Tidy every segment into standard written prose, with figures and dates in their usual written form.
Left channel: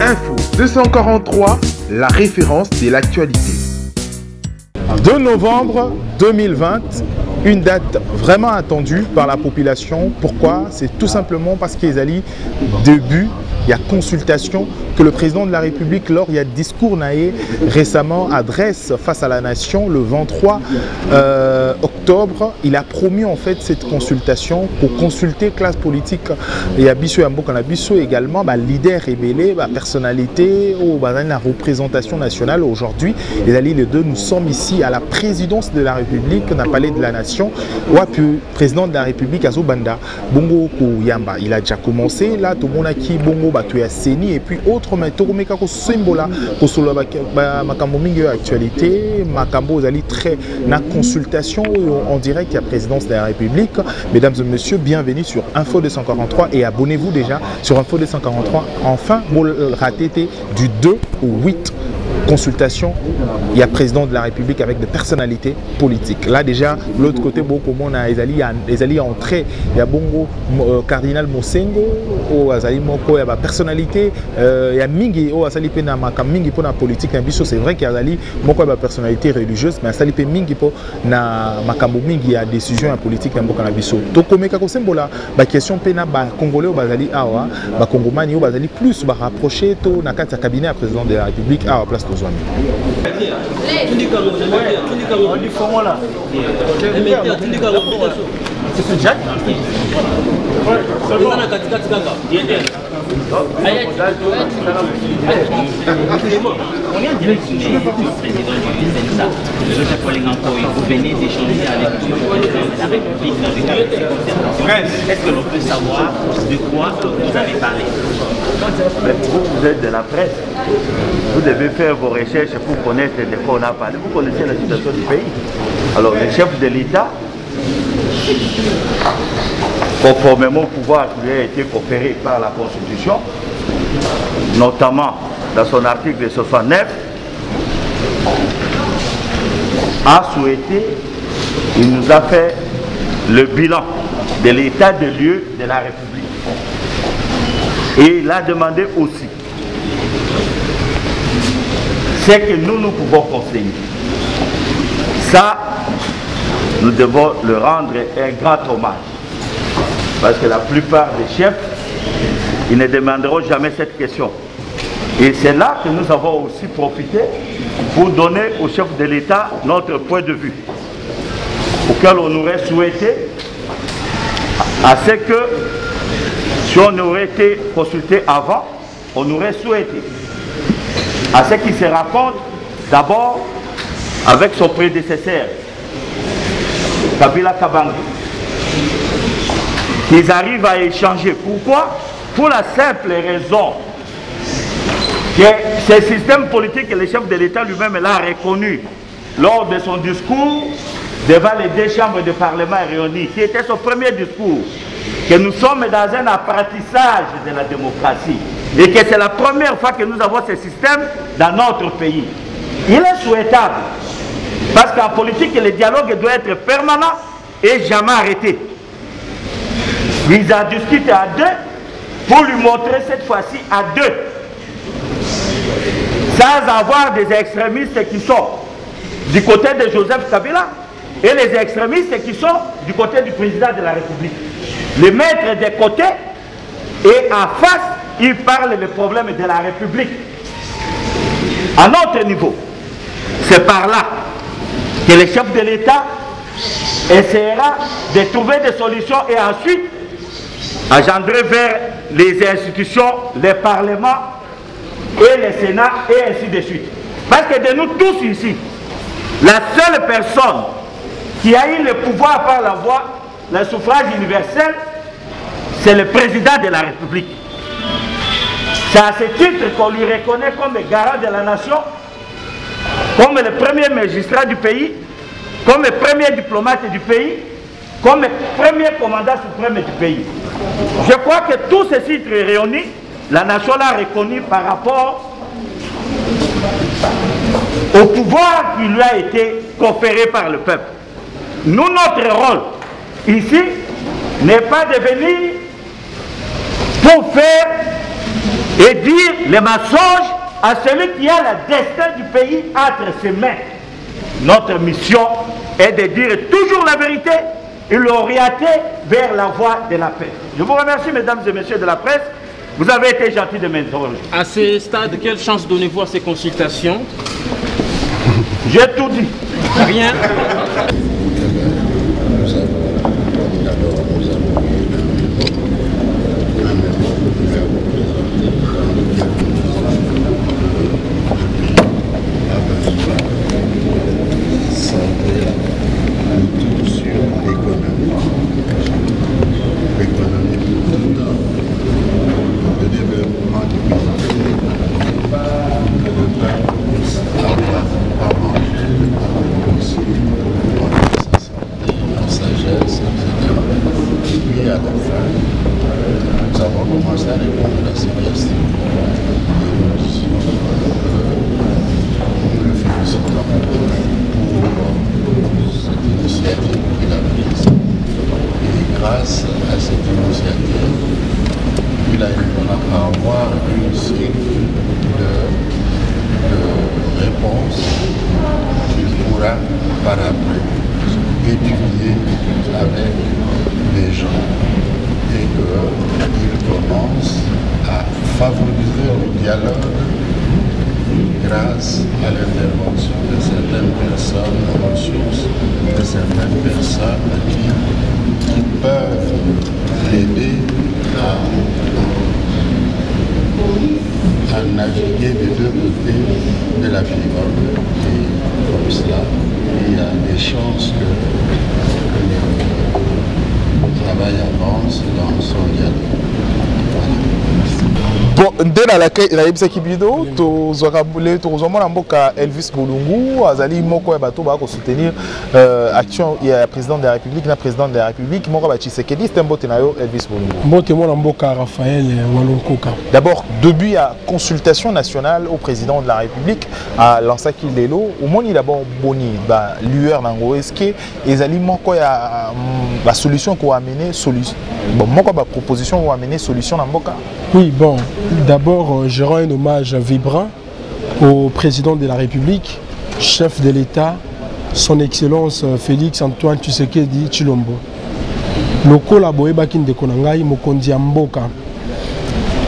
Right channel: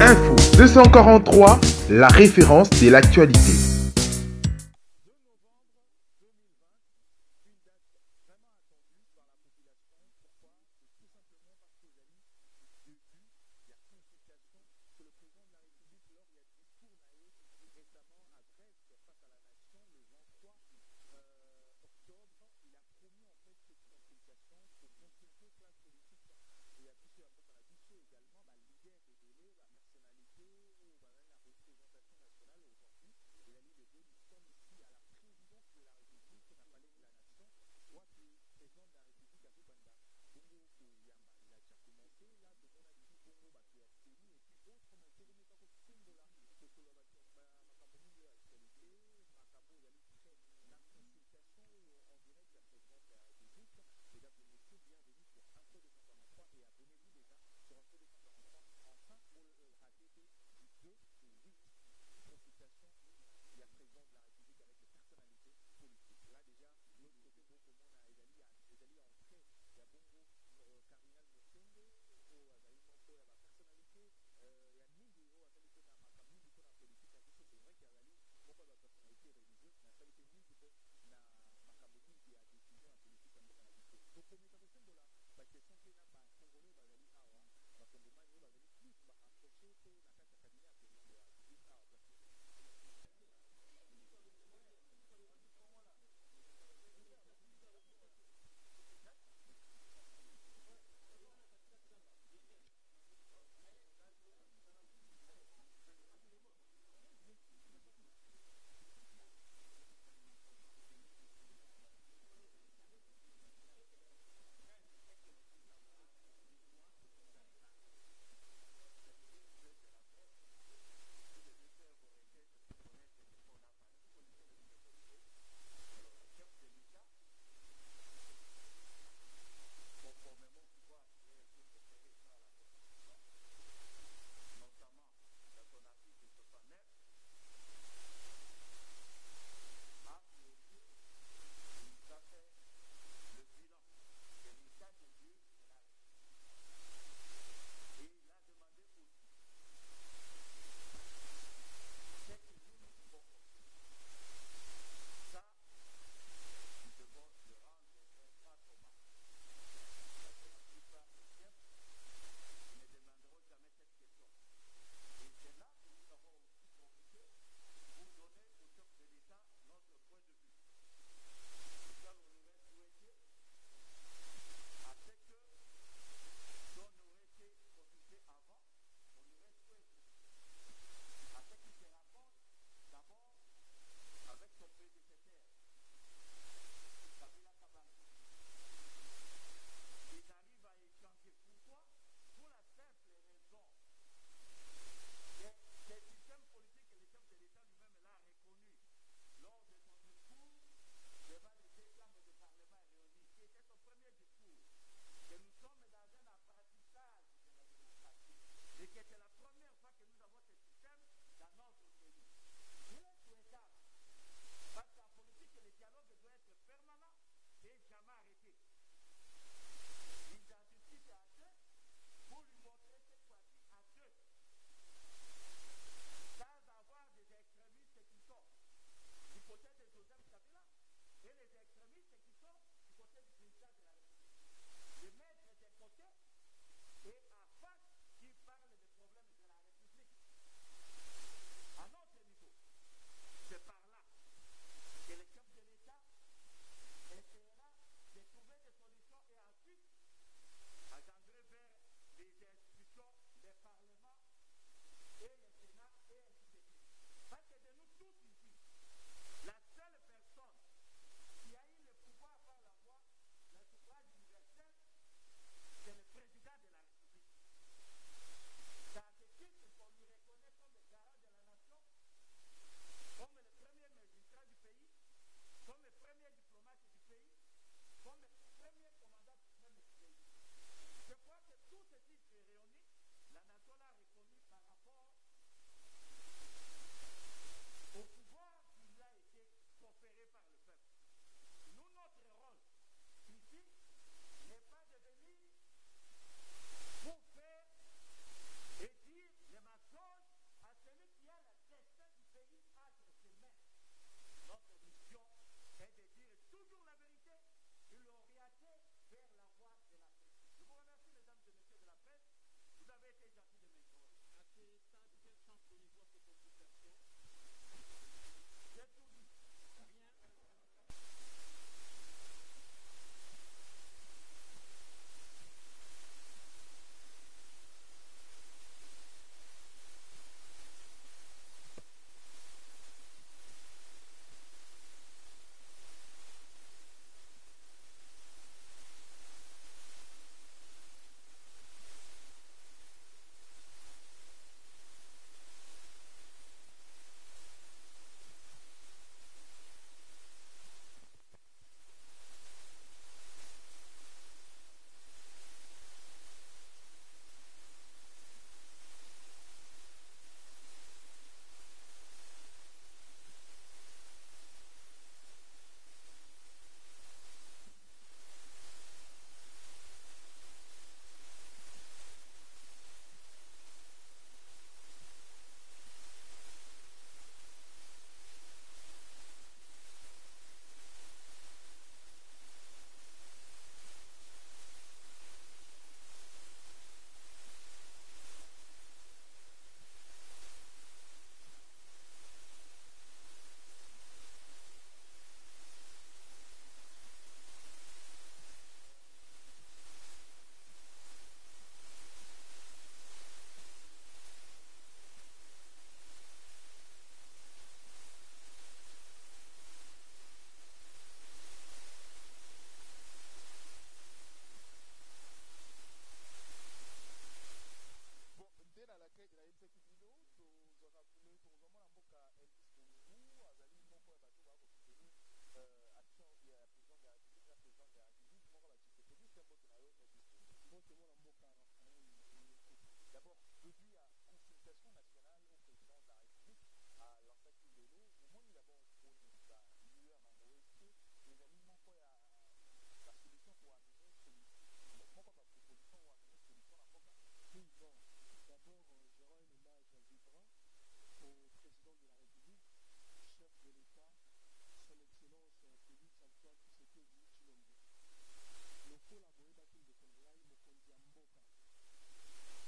Info 243, la référence de l'actualité. 2 novembre 2020, une date vraiment attendue par la population. Pourquoi? C'est tout simplement parce qu'ils allaient début, il y a consultation que le président de la République, lors il y a discours naé récemment adresse face à la nation le 23 octobre. Il a promis en fait cette consultation pour consulter classe politique. Il y a Bissou Yambo également, leader rébellé, personnalité, la représentation nationale aujourd'hui. Et les deux, nous sommes ici à la présidence de la République, on a parlé de la nation. Le président de la République, Azobanda, Bongo Kouyamba, il a déjà commencé. Là, tout le monde a qui Bongo Batuya Seni et puis autre, mais tout le monde a symbole pour Makambo Mingue actualité. Makambo Zali très na consultation en direct à la présidence de la République. Mesdames et messieurs, bienvenue sur Info 243 et abonnez-vous déjà sur Info 243. Enfin, vous ratez du 2 au 8. Consultation, il y a président de la République avec des personnalités politiques. Là déjà, de l'autre côté, beaucoup on a les alliés entrés. Il y a Bongo cardinal Mosengo, il y a personnalité, il y a Mingi, Mingi pour la politique. C'est vrai qu'il y a des personnalité religieuse, mais il y a Mingi pour la Mingi, il y a des décisions politiques. Donc, comme la question pena congolais au Bazali Awa, Congomani au Bazali plus rapproché to na kati cabinet à président de la République à place de Zouami. Vous venez d'échanger avec le président de la République dans le cadre de cette conférence. Est-ce que l'on peut savoir de quoi vous avez parlé? Vous êtes de la presse. Vous devez faire vos recherches pour connaître de quoi on a parlé. Vous connaissez la situation du pays. Alors, le chef de l'État, conformément au pouvoir qui lui a été conféré par la Constitution, notamment dans son article 69, a souhaité, il nous a fait le bilan de l'état de lieu de la République. Et il a demandé aussi ce que nous pouvons conseiller. Ça, nous devons le rendre un grand hommage. Parce que la plupart des chefs, ils ne demanderont jamais cette question. Et c'est là que nous avons aussi profité pour donner au chef de l'État notre point de vue, auquel on aurait souhaité, à ce que, si on aurait été consulté avant, on aurait souhaité, à ce qu'il se rencontre d'abord avec son prédécesseur, Kabila Kabange, qu'ils arrivent à échanger. Pourquoi? Pour la simple raison que ce système politique que le chef de l'État lui-même l'a reconnu lors de son discours devant les 2 chambres de parlement réunies, qui était son premier discours, que nous sommes dans un apprentissage de la démocratie et que c'est la première fois que nous avons ce système dans notre pays. Il est souhaitable, parce qu'en politique, le dialogue doit être permanent et jamais arrêté. Ils ont discuté à 2 pour lui montrer cette fois-ci à 2, sans avoir des extrémistes qui sont du côté de Joseph Kabila et les extrémistes qui sont du côté du président de la République. Les mettre de côté et en face, ils parlent des problèmes de la République. À notre niveau, c'est par là que le chef de l'État essaiera de trouver des solutions et ensuite engendrer vers les institutions, les parlements et le Sénat et ainsi de suite. Parce que de nous tous ici, la seule personne qui a eu le pouvoir par la voie, le suffrage universel, c'est le président de la République. C'est à ce titre qu'on lui reconnaît comme garant de la nation, comme le premier magistrat du pays, comme le premier diplomate du pays, comme le premier commandant suprême du pays. Je crois que tous ces titres réunis, la nation l'a reconnu par rapport au pouvoir qui lui a été conféré par le peuple. Nous, notre rôle ici, n'est pas de venir pour faire et dire les mensonges à celui qui a le destin du pays entre ses mains. Notre mission est de dire toujours la vérité et l'orienter vers la voie de la paix. Je vous remercie, mesdames et messieurs de la presse. Vous avez été gentils de m'interroger. À ce stade, quelle chance donnez-vous à ces consultations? J'ai tout dit. Rien. Grâce à cette initiative, il a avoir une série de réponses qu'il pourra par après étudier avec les gens et qu'il commence à favoriser le dialogue grâce à l'intervention de certaines personnes, aux ressources de certaines personnes qui peuvent l'aider à naviguer des deux côtés de la Pirogue. Et comme cela, il y a des chances que le travail avance dans son dialogue. Bon, dès la yebisaki bido, tozomona mboka Elvis Bolungu, azali moko ya bato ba ko soutenir action ya président de la République na président de la République moko ba Tshisekedi, c'était mbote na yo Elvis Bolungu. Mbote mona mboka Raphaël Walonkoka. D'abord, début à consultation nationale au président de la République à Lansaki Lelo, au monde il d'abord boni ba lueur nango eske ezali moko ya ba solution ko amener solution. Bon, moko ba proposition ko amener solution na mboka. Oui, bon, d'abord, je rends un hommage vibrant au président de la République, chef de l'État, son Excellence Félix Antoine Tshisekedi Tshilombo. Lokola boyebaki ndeko na ngai mokonzi ya mboka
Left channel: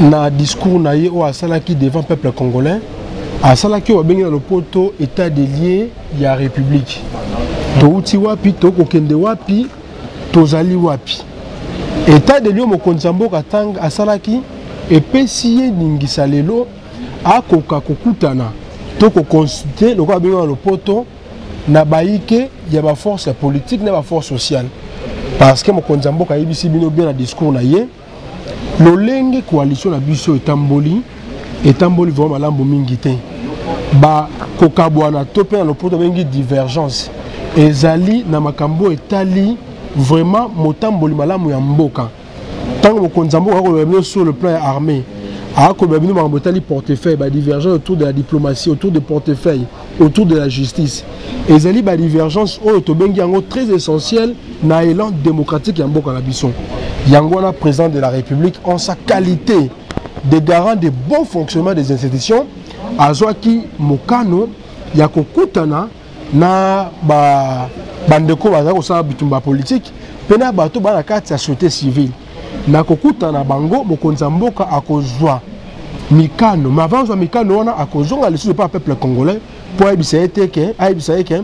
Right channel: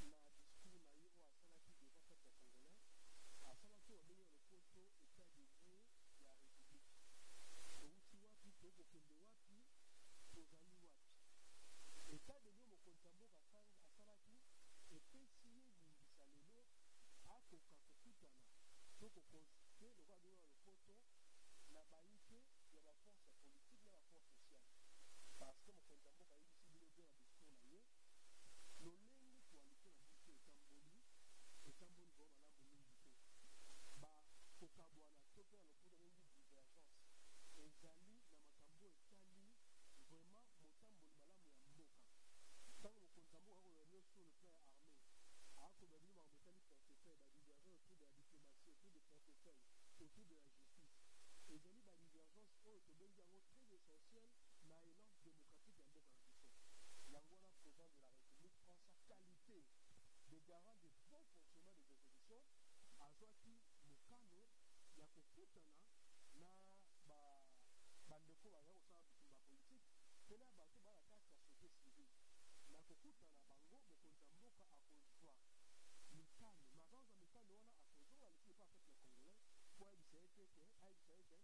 na discours na ye o asalaki devant peuple congolais, asalaki o bengi na lopoto état des lieux ya République. Touti wapi to kokende wapi tozali wapi. État des lieux mokonzi ya mboka tang asalaki epesi ningisa lelo akoka kokutana to ko consulter lokola bengi na lopoto na baike ya ba force politique na ba force sociale. Parce que mokonzi ya mboka yebisi bino bien na discours na ye lolenge coalition na biso etamboli vraiment malambo mingi te ba kokabwana to pe na lopoto bengi divergence ezali na makambo etali vraiment motamboli malamu ya mboka tant mokonzi ya mboka ko sur le plan armé a ko bino makambo etali portefeuille ba divergence autour de la diplomatie, autour des portefeuilles, autour de la justice. Ezali ba divergence oyo to bengi yango très essentiel na élan démocratique ya mboka na biso. Yango na président de la République en sa qualité de garant de bon fonctionnement des institutions azwaki mokano ya kokutana na bandeko baza kosala bitumba politique pena bato bana kati ya société civile na kokutana bango mokonzi ya mboka akozwa mikano mavanzwa mikano wana akozonga lisusu pa peuple congolais po ayebisa eke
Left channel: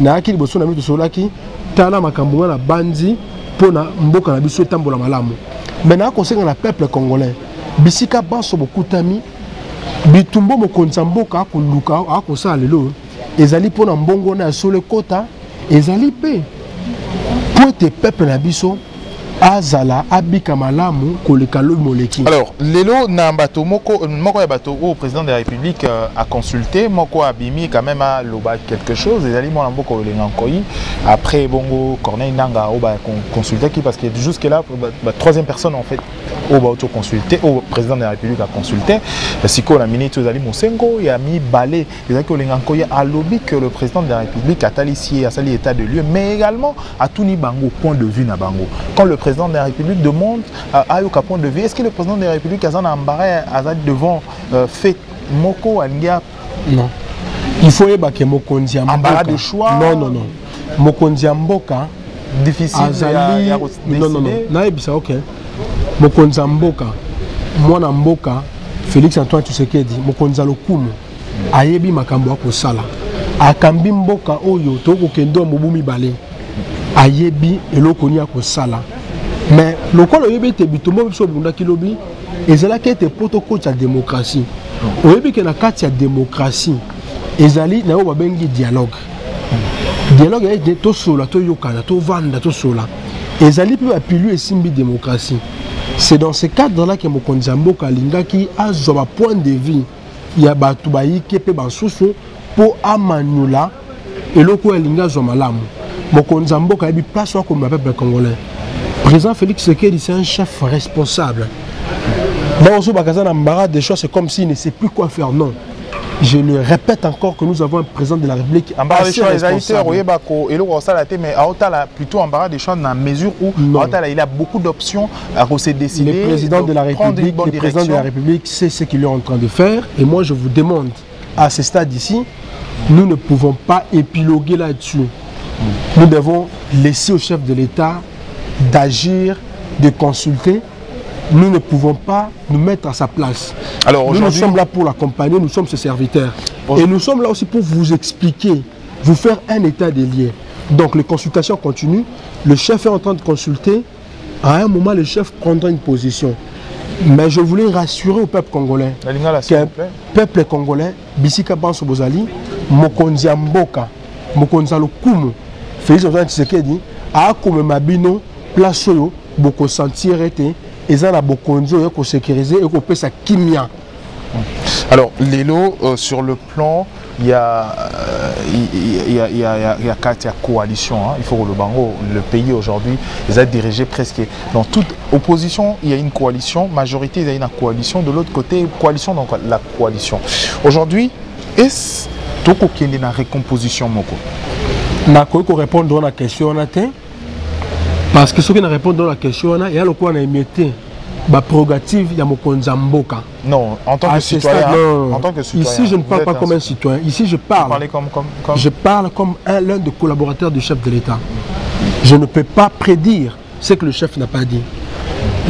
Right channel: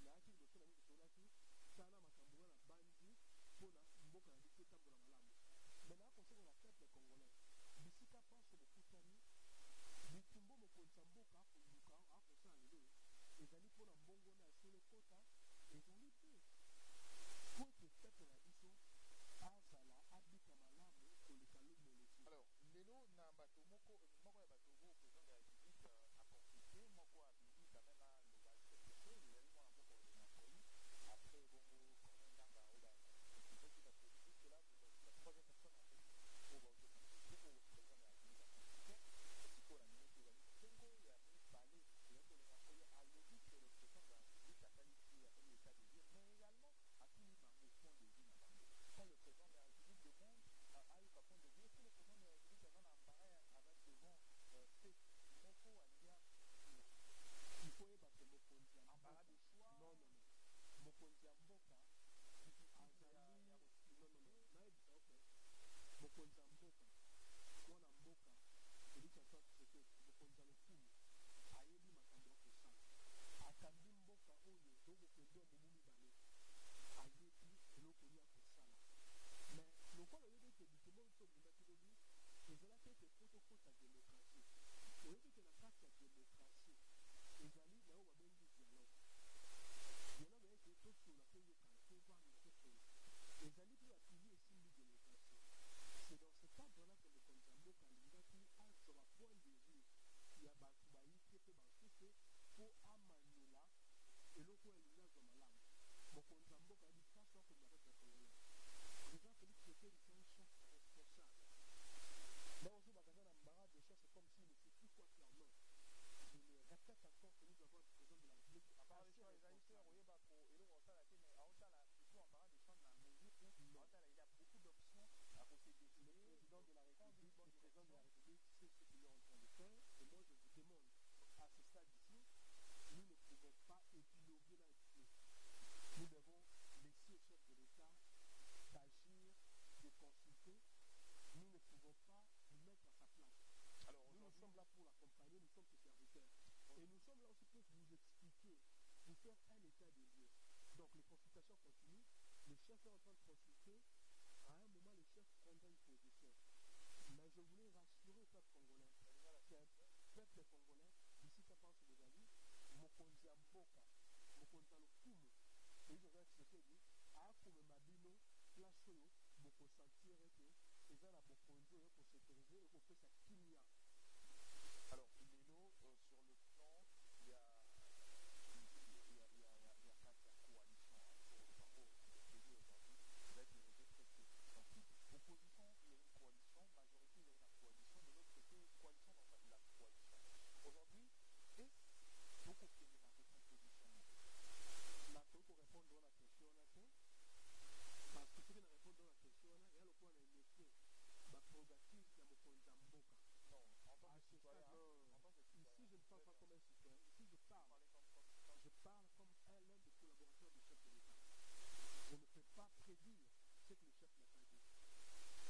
na aki liboso na mito solaki tala makambo na bandi pona mboka na biso etambola malamu mena akosenga na peuple congolais bisika banso bokutami bitumbo mokonzi ya mboka akoluka akosala lelo ezali pona mbongo na sole kota ezali pe po ete peuple na biso azala abika malamu koleka lo moleki. Alors lelo na bato moko ya bato au président de la République a consulté moko abimi quand même a loba quelque chose ezali mona mboko lenga nkoyi après bongo Corneille Nanga au ba consulter qui parce que jusque là troisième personne en fait au ba auto consulter au président de la République a consulté siko la ministre ezali Mosengo ya mi balé ezali ko lenga nkoyi a lobby que le président de la République a talici a sali état de lieu mais également a tout ni bango point de vue na bango quand le président président de la République demande à Yokapon de vie. Est-ce que le président de la République a un embarras devant fait Moko Alinga? Non. Il faut que Mokonzi Mboka. Embarras de choix? Non, non, non. Mokonzi Mboka. Difficile Azali. Non, non, non. Naïbisa, ok. Mokonzi Mboka. Moi, Mboka, Félix Antoine Tshisekedi, Mokonzi Lokumu. Ayebi makambo akosala. Akambi Mboka oyo toko kendo mobumi bale. Ayebi eloko ni akosala. Mais lokolo yebi te bitombo biso bunda kilobi ezala kete protocole ya démocratie. Oyebi ke na kati ya démocratie ezali na yo babengi dialogue. Dialogue est to sola to yokana to vanda to sola. Ezali pe appuyer esimbi démocratie. C'est dans ce cadre-là que Mokonzi Mboka alingaki azoba point de vue ya batu bayike pe bansusu po amanula eloko alinga zo malamu. Mokonzi Mboka yebi place comme le peuple congolais. Président Félix Tshisekedi, c'est un chef responsable. Dans ce magasin d'embarras des choses, c'est comme s'il ne sait plus quoi faire. Non. Je le répète encore que nous avons un président de la République embarras des choix, mais plutôt embarras des choix dans la mesure où il a beaucoup d'options à se décider. Le président de la République, c'est ce qu'il est en train de faire. Et moi, je vous demande, à ce stade ici, nous ne pouvons pas épiloguer là-dessus. Nous devons laisser au chef de l'État d'agir, de consulter. Nous ne pouvons pas nous mettre à sa place. Alors, nous sommes là pour l'accompagner, nous sommes ses serviteurs. Et nous sommes là aussi pour vous expliquer, vous faire un état des lieux. Donc les consultations continuent, le chef est en train de consulter, à un moment le chef prendra une position. Mais je voulais rassurer au peuple congolais que le peuple congolais, Bisika Banso Bozali, Mokonzi Mboka, Mokonzi Lokumu, Félix Antoine Tshisekedi, a comme Mabino, place yo, boko sentir été, et ça la bokonzo yo ko sécuriser et ko peut sa kimia. Alors Lélo, sur le plan, il y a quatre coalitions. Hein. Il faut que le pays aujourd'hui, ils ont dirigé presque dans toute opposition. Il y a une coalition, majorité, il y a une coalition. De l'autre côté, coalition, donc la coalition. Aujourd'hui, est-ce qu'il y a une récomposition? Je vais répondre à la question. Parce que ceux qui répondent à la question, il y a le quoi on a émetté. La prérogative, il y a Mokonzi Mboka. Non, en tant que citoyen. Ici, je ne parle pas comme un citoyen. Ici, je parle. Je parle comme l'un des collaborateurs du chef de l'État. Je ne peux pas prédire ce que le chef n'a pas dit.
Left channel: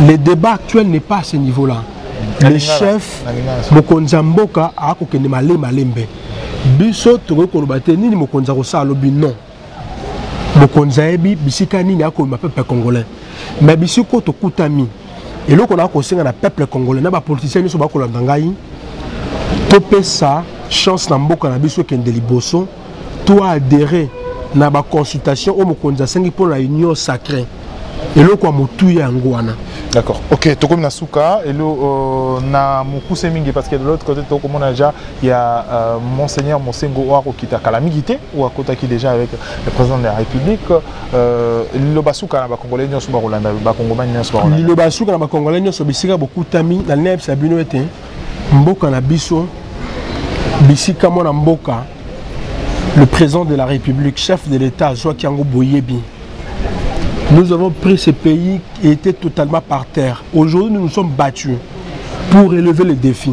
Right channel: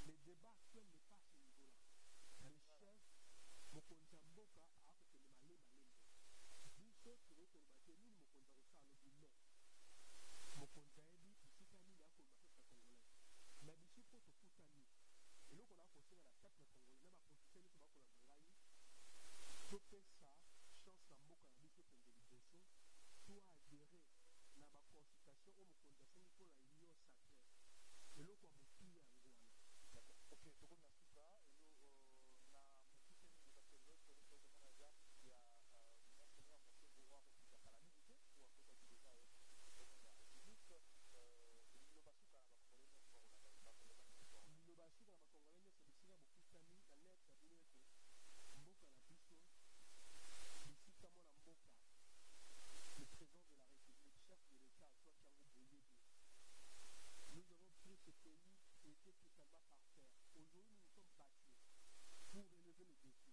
Le débat actuel n'est pas à ce niveau-là. Le chef, Mokonzi Mboka, a kokende malembe. Biso toko kolobate nini Mokonzi Rosa lobi non. Mokonzi ebi bisika nini akoma peuple congolais. Mais bisiko to kutami. Et là, on a conseillé à peuple congolais, les politiciens qui sont là, tu peux ça, chance dans beaucoup de gens qui ont des liboso, tu as adhéré à la consultation au Mokonzi pour la union sacrée. Et là, on a tout en D'accord. Ok, tu comme Nasuka, et là, na Moukou Semingi, parce que de l'autre côté, il y a Monseigneur Monsengo Oaro qui est à Calamigité, ou à côté qui est déjà avec le président de la République. Le Basuka, na Congolais, nous sommes Rolanda, Bakongomani, nous sommes Rolanda. Le Basuka, na Congolais, nous sommes Bissika, beaucoup d'amis, dans le Neb Sabino était, Mboka na Bisso, Bissika Mona Mboka, le président de la République, chef de l'État, Joakiango Boyebi. Nous avons pris ce pays qui était totalement par terre. Aujourd'hui, nous nous sommes battus pour relever les défis.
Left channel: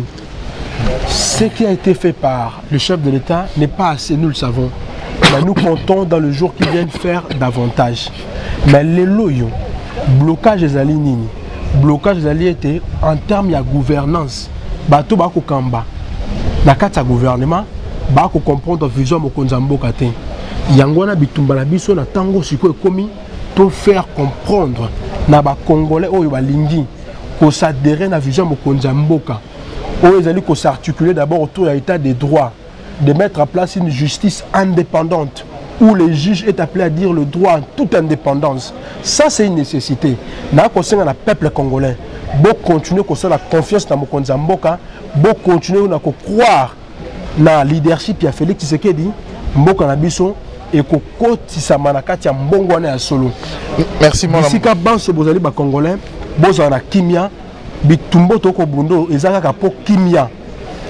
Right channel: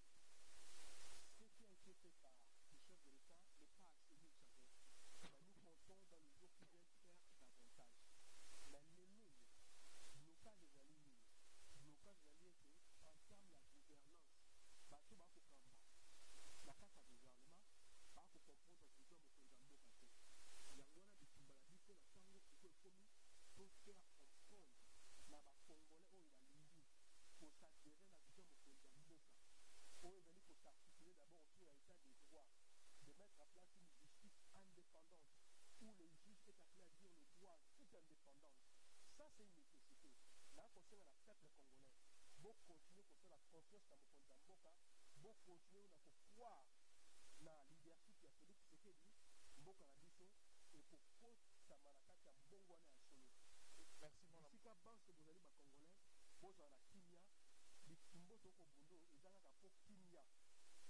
Ce qui a été fait par le chef de l'État n'est pas assez, nous le savons. Mais nous comptons dans le jour qui vient faire davantage. Mais les loyaux, blocage des alignés, blocage des alliés était en termes de gouvernance. Bato bako kamba. Na kata gouvernement, bako comprendre vision Mokonzi Mboka te. Yangwana bitumba na biso na tango siko ekomi. Pour faire comprendre na ba Congolais oyo balingi ko s'adhérer na vision Mokonzi Mboka oyo ezali ko s'articuler d'abord autour de l'état des droits, de mettre en place une justice indépendante où les juges est appelé à dire le droit en toute indépendance. Ça c'est une nécessité. Na ko senga na peuple congolais, bo continuer ko la confiance na Mokonzi Mboka, bo continuer na ko croire na leadership ya Félix Tshisekedi Mboka na biso. Et que merci mon si ka banso bozali ba congolais bozana kimia bitumbo toko bundo ezaka ka po kimia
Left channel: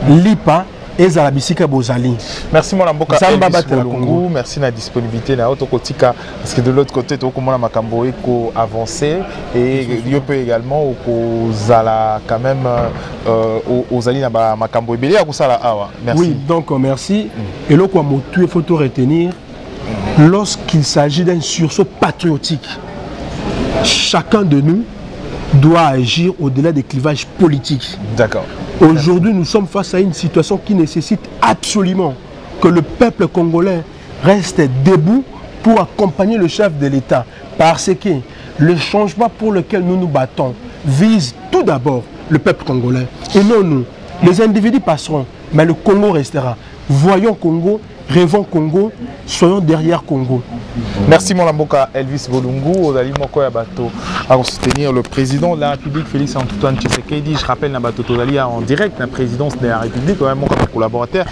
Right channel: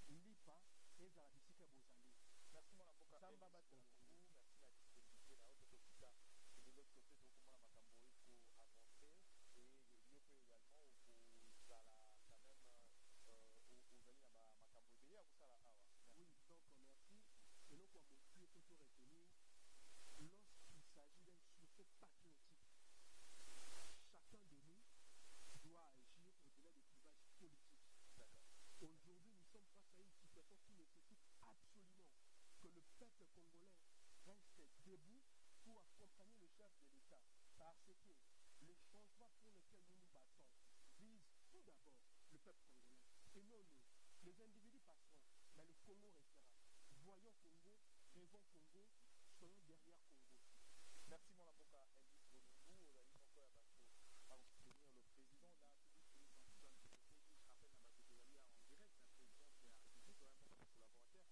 lipa ezala bisika bozali. Merci mon Lamboka Zamba Elvis batela Bolungu, Congo. merci de la disponibilité na Otokotika parce que de l'autre côté tu as makambo eko avancé et il peut également au zala quand même aux ali na makambo ebele ya kusala awa. Merci. Oui, donc merci. Et là quoi il faut tout retenir lorsqu'il s'agit d'un sursaut patriotique. Chacun de nous doit agir au-delà des clivages politiques. D'accord. Aujourd'hui, nous sommes face à une situation qui nécessite absolument que le peuple congolais reste debout pour accompagner le chef de l'État. Parce que le changement pour lequel nous nous battons vise tout d'abord le peuple congolais. Et non nous. Les individus passeront, mais le Congo restera. Voyons Congo, rêvons Congo, soyons derrière Congo. Merci mon Lamboka Elvis Bolungu, Ozali Moko Yabato, à soutenir le président de la République Félix Antoine Tshisekedi. Je rappelle Nabato Tozali en direct la présidence de la République, quand même mon collaborateur.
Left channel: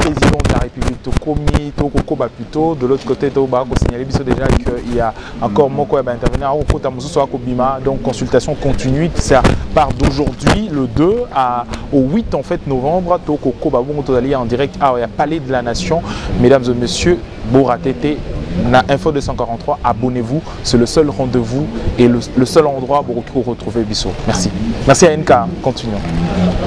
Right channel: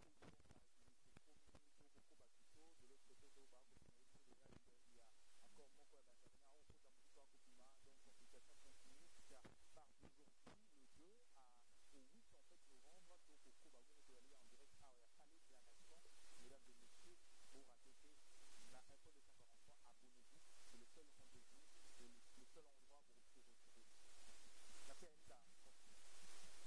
Président de la République Tokomi, Tokoba plutôt. De l'autre côté, Toba a signalé déjà qu'il y a encore Moko à intervenir au Kota Moussoua Kobima. Donc consultation continue. C'est à part d'aujourd'hui, le 2 au 8 en fait novembre. Toko Koba Tozali en direct à Palais de la Nation. Mesdames et messieurs, Boratete, na Info 243, abonnez-vous. C'est le seul rendez-vous et le seul endroit pour retrouver Bissot. Merci. Merci à NK. Continuons.